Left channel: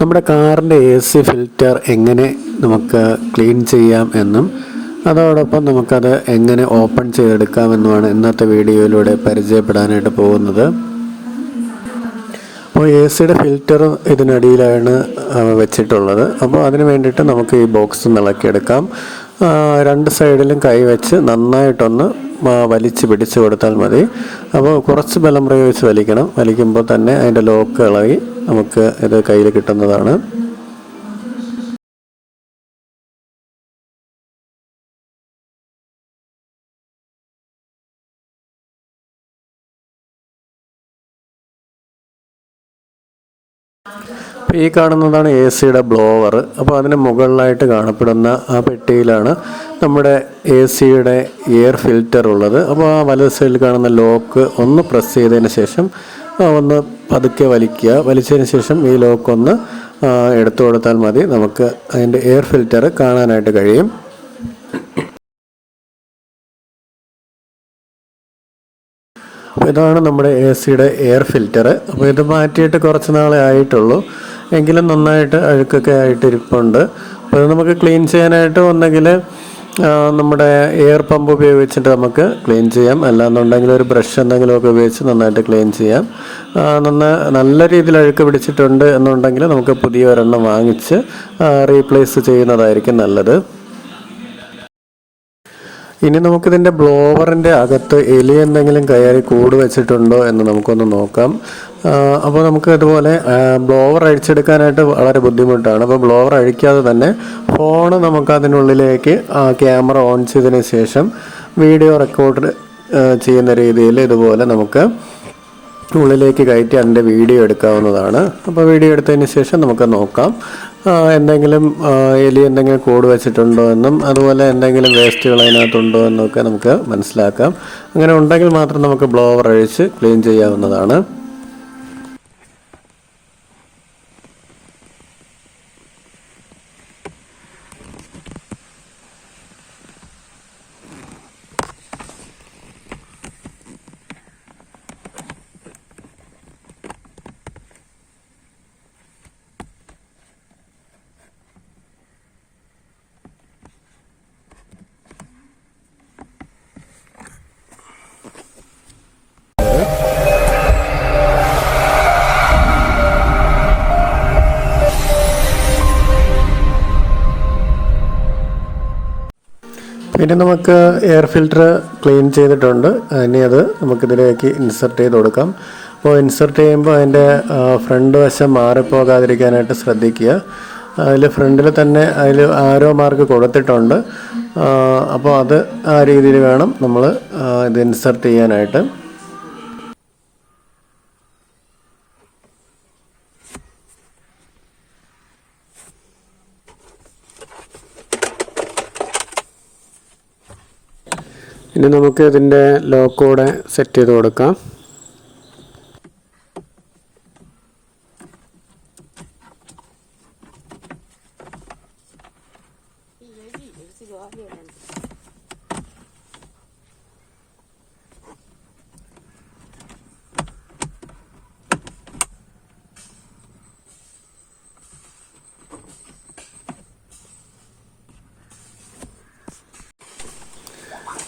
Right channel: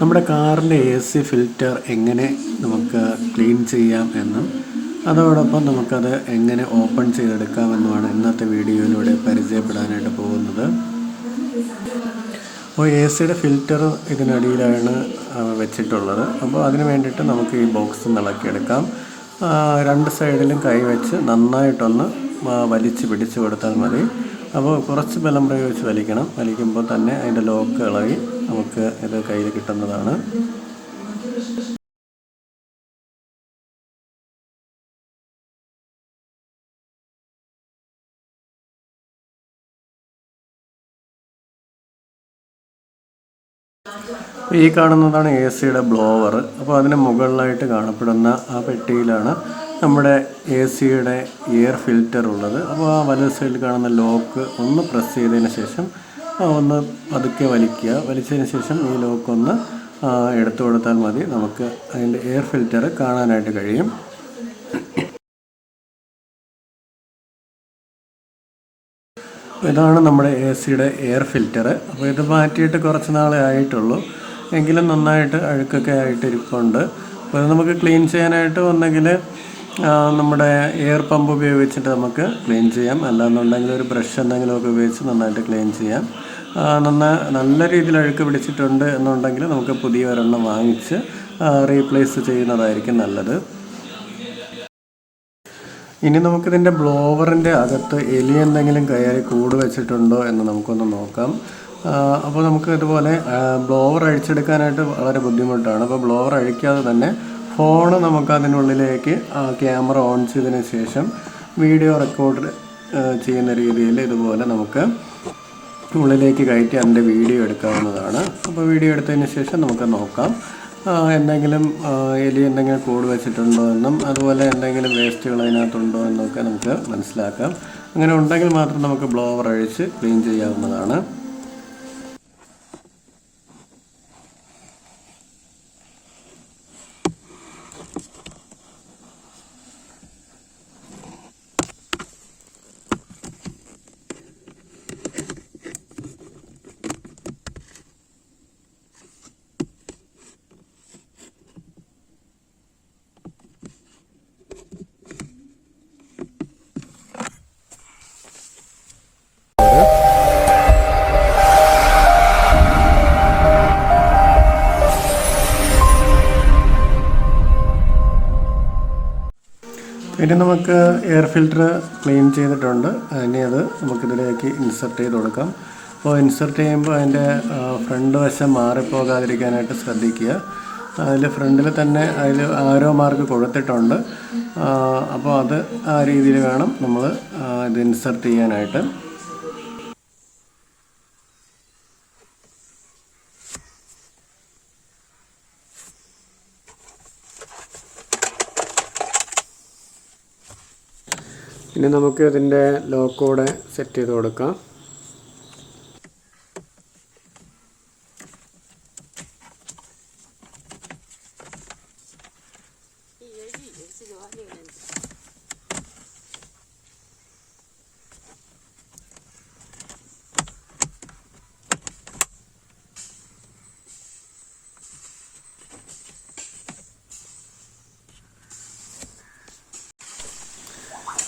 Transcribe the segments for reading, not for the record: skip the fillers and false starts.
നമ്മുടെ കാറിൻ്റെ AC filter എങ്ങനെ നമുക്ക് ക്ലീൻ ചെയ്യാം എന്നും അതോടൊപ്പം നമുക്കത് എങ്ങനെ ഓപ്പൺ ചെയ്തെടുക്കാമെന്നുമാണ് ഇന്നത്തെ വീഡിയോയിലൂടെ പരിചയപ്പെടാനായിട്ട് പോകുന്നത്. അപ്പോൾ ACയുടെ ഫിൽറ്റർ ഇതിനടിയിലാണ് വെച്ചിട്ടുള്ളത്. അപ്പോൾ അതിന് വേണ്ടിയിട്ട് നമുക്ക് ഈ ബോക്സ് ഇളക്കിയെടുക്കാം. രണ്ട് സൈഡിലും കൈ വെച്ച് നന്നായിട്ടൊന്ന് വലിച്ച് പിടിച്ചു കൊടുത്താൽ മതി. അപ്പോൾ കുറച്ച് ബലം പ്രയോഗിച്ച് വലിക്കണം. വലിക്കുമ്പോൾ തന്നെ അതിൻ്റെ ലോക്ക് ഇളകി നമുക്ക് ഇത് കയ്യിൽ കിട്ടുന്നതാണ്. ഈ കാണുന്നതാണ് ACയുടെ ബ്ലോവർ. അപ്പോൾ അതിന് മുകളിലായിട്ട് കാണപ്പെടുന്ന ആ പെട്ടിയിലാണ് നമ്മുടെ ACയുടെ എയർ ഫിൽറ്റർ ഉള്ളത്. അപ്പോൾ ആ വലത് സൈഡിൽ കാണുന്ന ലോക്ക് ഒന്ന് പ്രസ് ചെയ്തതിന് ശേഷം ഒന്ന് പതുക്കെ വലിക്കുക. വലിച്ചതിന് ശേഷം ഈ ലോക്ക് ഒന്ന് എടുത്തു കൊടുത്താൽ മതി. നമുക്ക് അതിൻ്റെ എയർ ഫിൽറ്റർ കാണാനായിട്ട് കഴിയും. ഇതാണ് നമ്മുടെ ACയുടെ എയർ ഫിൽറ്റർ. അപ്പോൾ ഇത് മാറ്റിയിട്ട് കുറച്ച് നാളെ ആയിട്ടുള്ളൂ, എങ്കിലും നന്നായിട്ട് അഴുക്കൊക്കെ ആയിട്ട് ഇരിപ്പുണ്ട്. അപ്പോൾ ഇത് നമുക്ക് ക്ലീൻ ചെയ്യാനായിട്ട് ഒന്നെങ്കിൽ നമ്മുടെ എയർ പമ്പ് ഉപയോഗിച്ചിട്ട് നമുക്ക് ക്ലീൻ ചെയ്യാം, അല്ലാന്നുണ്ടെങ്കിൽ ഒരു ബ്രഷ് എന്തെങ്കിലുമൊക്കെ ഉപയോഗിച്ച് നന്നായിട്ട് ക്ലീൻ ചെയ്യാം. നല്ല രീതിയിൽ അഴുക്ക് പിടിച്ചിട്ടുണ്ട് എന്നുണ്ടെങ്കിൽ നമുക്ക് പുതിയ ഒരെണ്ണം വാങ്ങിച്ച് റീപ്ലേസ് ചെയ്യുന്നതായിരിക്കും നല്ലത്. ഇനി നമുക്കിതിൻ്റെ ബ്ലോവറിൻ്റെ അകത്ത് എലി എന്തെങ്കിലും കയറി കൂട് വെച്ചിട്ടുണ്ടോ എന്ന് നമുക്കൊന്ന് നോക്കാം. അപ്പോൾ നമുക്ക് ഇതുപോലെ ബ്ലോവർ അഴിച്ചെടുക്കാനായിട്ട് വളരെ ബുദ്ധിമുട്ടാണ്. അപ്പോൾ ബ്ലോവർ അഴിക്കാതെ തന്നെ ഫോൺ നമുക്ക് അതിനുള്ളിലേക്ക് ക്യാമറ ഓൺ ചെയ്തതിന് ശേഷം വീഡിയോ റെക്കോർഡ് ചെയ്യുന്ന രീതിയിൽ ഇതുപോലെ നമുക്ക് ഉള്ളിലേക്ക് കയറ്റി അതിൻ്റെ വീഡിയോ എടുക്കാവുന്നതാണ്. അപ്പോൾ വീഡിയോ എടുത്തതിന് ശേഷം നമുക്ക് നോക്കാം എന്തെങ്കിലും എലി എന്തെങ്കിലും കൂട് വെച്ചിട്ടുണ്ടോ എന്നും അതുപോലെ എന്തെങ്കിലും വേസ്റ്റുകൾ അതിനകത്തുണ്ടോ എന്നൊക്കെ നമുക്ക് മനസ്സിലാക്കാം. അങ്ങനെ ഉണ്ടെങ്കിൽ മാത്രം നമുക്ക് ബ്ലോവർ അഴിച്ച് ക്ലീൻ ചെയ്യാവുന്നതാണ്. ഇനി നമുക്ക് എയർ ഫിൽറ്റർ ക്ലീൻ ചെയ്തിട്ടുണ്ട്. ഇനി അത് നമുക്കിതിലേക്ക് ഇൻസർട്ട് ചെയ്ത് കൊടുക്കാം. അപ്പോൾ ഇൻസർട്ട് ചെയ്യുമ്പോൾ അതിൻ്റെ ഫ്രണ്ട് വശം മാറിപ്പോകാതിരിക്കാനായിട്ട് ശ്രദ്ധിക്കുക. അതിൽ ഫ്രണ്ടിൽ തന്നെ അതിൽ ആരോ മാർക്ക് കൊടുത്തിട്ടുണ്ട്. അപ്പോൾ അത് ആ രീതിയിൽ വേണം നമ്മൾ ഇത് ഇൻസർട്ട് ചെയ്യാനായിട്ട്. ഇനി നമുക്ക് ഇതിൻ്റെ ലോക്കോടെ സെറ്റ് ചെയ്ത് കൊടുക്കാം.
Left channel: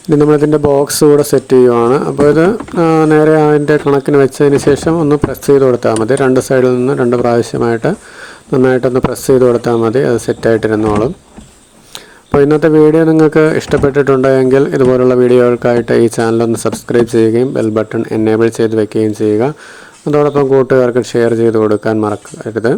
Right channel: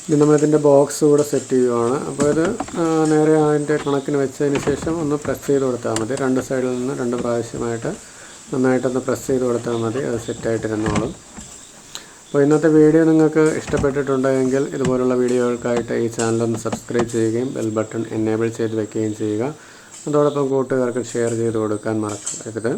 ഇനി നമ്മളിതിൻ്റെ ബോക്സ് കൂടെ സെറ്റ് ചെയ്യുവാണ്. അപ്പോൾ ഇത് നേരെ അതിൻ്റെ കണക്കിന് വെച്ചതിന് ശേഷം ഒന്ന് പ്രസ് ചെയ്ത് കൊടുത്താൽ മതി. രണ്ട് സൈഡിൽ നിന്ന് 2 പ്രാവശ്യമായിട്ട് നന്നായിട്ടൊന്ന് പ്രസ് ചെയ്ത് കൊടുത്താൽ മതി. അത് സെറ്റായിട്ടിരുന്നോളും. അപ്പോൾ ഇന്നത്തെ വീഡിയോ നിങ്ങൾക്ക് ഇഷ്ടപ്പെട്ടിട്ടുണ്ടെങ്കിൽ ഇതുപോലുള്ള വീഡിയോകൾക്കായിട്ട് ഈ ചാനലൊന്ന് സബ്സ്ക്രൈബ് ചെയ്യുകയും ബെൽ ബട്ടൺ എനേബിൾ ചെയ്ത് വെക്കുകയും ചെയ്യുക. അതോടൊപ്പം കൂട്ടുകാർക്ക് ഷെയർ ചെയ്ത് കൊടുക്കാൻ മറക്കരുത്.